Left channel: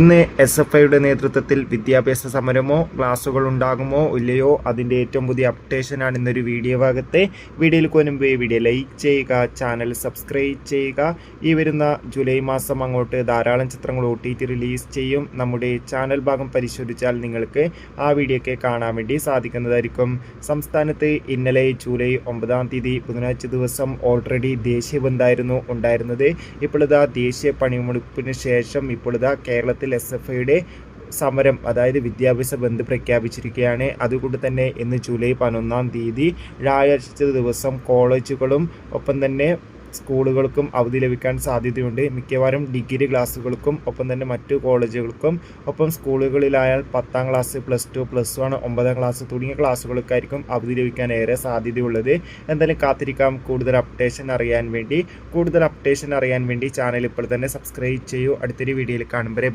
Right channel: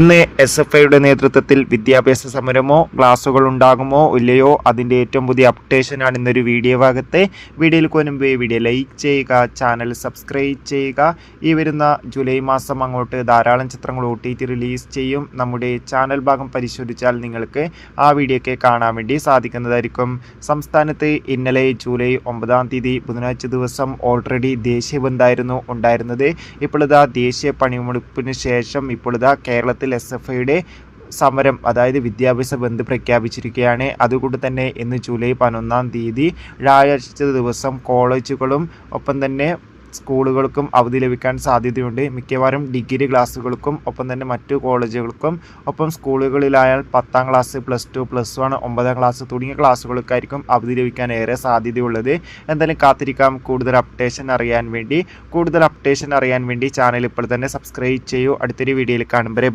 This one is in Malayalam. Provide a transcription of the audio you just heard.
ഇന്ന് SFIയുടെ നേതൃത്വത്തിൽ വിദ്യാഭ്യാസ സമരമോ ക്ലാസുകൾ ഉണ്ടാകുമോ ഇല്ലയോ അതിൻ്റെ ഏറ്റവും പുതിയ അപ്ഡേഷനാണ് ഇന്നൊരു വീഡിയോ ഭാഗത്ത്. വീഡിയോയിൽ കൊനുമ്പേ വീഡിയോ ലൈക്ക് ചെയ്യുക, ചാനൽ സബ്സ്ക്രൈബ് ചെയ്യുക. ഈ വരുന്ന ജൂലൈ മാസം അങ്ങോട്ട് ധാരാളം ചിത്രങ്ങൾ OTT റിലീസ് ചെയ്യും. നമ്മുടെ ചാനൽ ഭാഗം പരിശോധിച്ചാൽ നിങ്ങൾക്ക് ആ വീഡിയോയ്ക്ക് കാണാൻ വേണ്ടി സാധിക്കുന്നതായിരിക്കും. സംസ്ഥാനത്ത് ഇന്നലെ ജൂലൈ 9-ാം തീയതി ബുധനാഴ്ച ദിവസം ഓൾറെഡി ദേശീയ ബന്ദായിരുന്നു ഉണ്ടായിരുന്നത്. ഇപ്പോഴിതാ ദേശീയ പണിമുടക്കിന് ശേഷം ഇപ്പോഴിതാ കേരളത്തിൽ SFIയുടെ സമരം, അതായത് വിദ്യാഭ്യാസ ബന്ദ് പ്രഖ്യാപിച്ചിരിക്കുകയാണ്. അതുകൊണ്ട് തന്നെ ഇന്ന് ജൂലൈ 11-ാം തീയതി വ്യാഴാഴ്ച ദിവസം കോളേജുകളും ഒപ്പം തന്നെ സ്കൂളുകൾക്കും അവധി ലഭിക്കാൻ സാധ്യതയുണ്ട്. മിക്കവാറും ഡിഗ്രി ക്ലാസ്സുകൾക്കും ഒപ്പം തന്നെ മറ്റു കോളേജുകൾക്കും ഒപ്പം സ്കൂളുകളിലായാൽ 10-ാം ക്ലാസ്, +2, +1, 9-ാം ക്ലാസ് തുടങ്ങിയ ക്ലാസ്സുകൾക്കായിരിക്കും അവധി ലഭിക്കാൻ ഏറെ സാധ്യതയുള്ളത്. എന്തായാലും കാത്തിരിക്കാം കൂടുതൽ അപ്ഡേഷൻ അറിയാൻ വേണ്ടി. ചാനൽ ഇപ്പോൾ തന്നെ സബ്സ്ക്രൈബ് ചെയ്യൂ. അടുത്തൊരു വീഡിയോയിൽ കാണുമ്പോൾ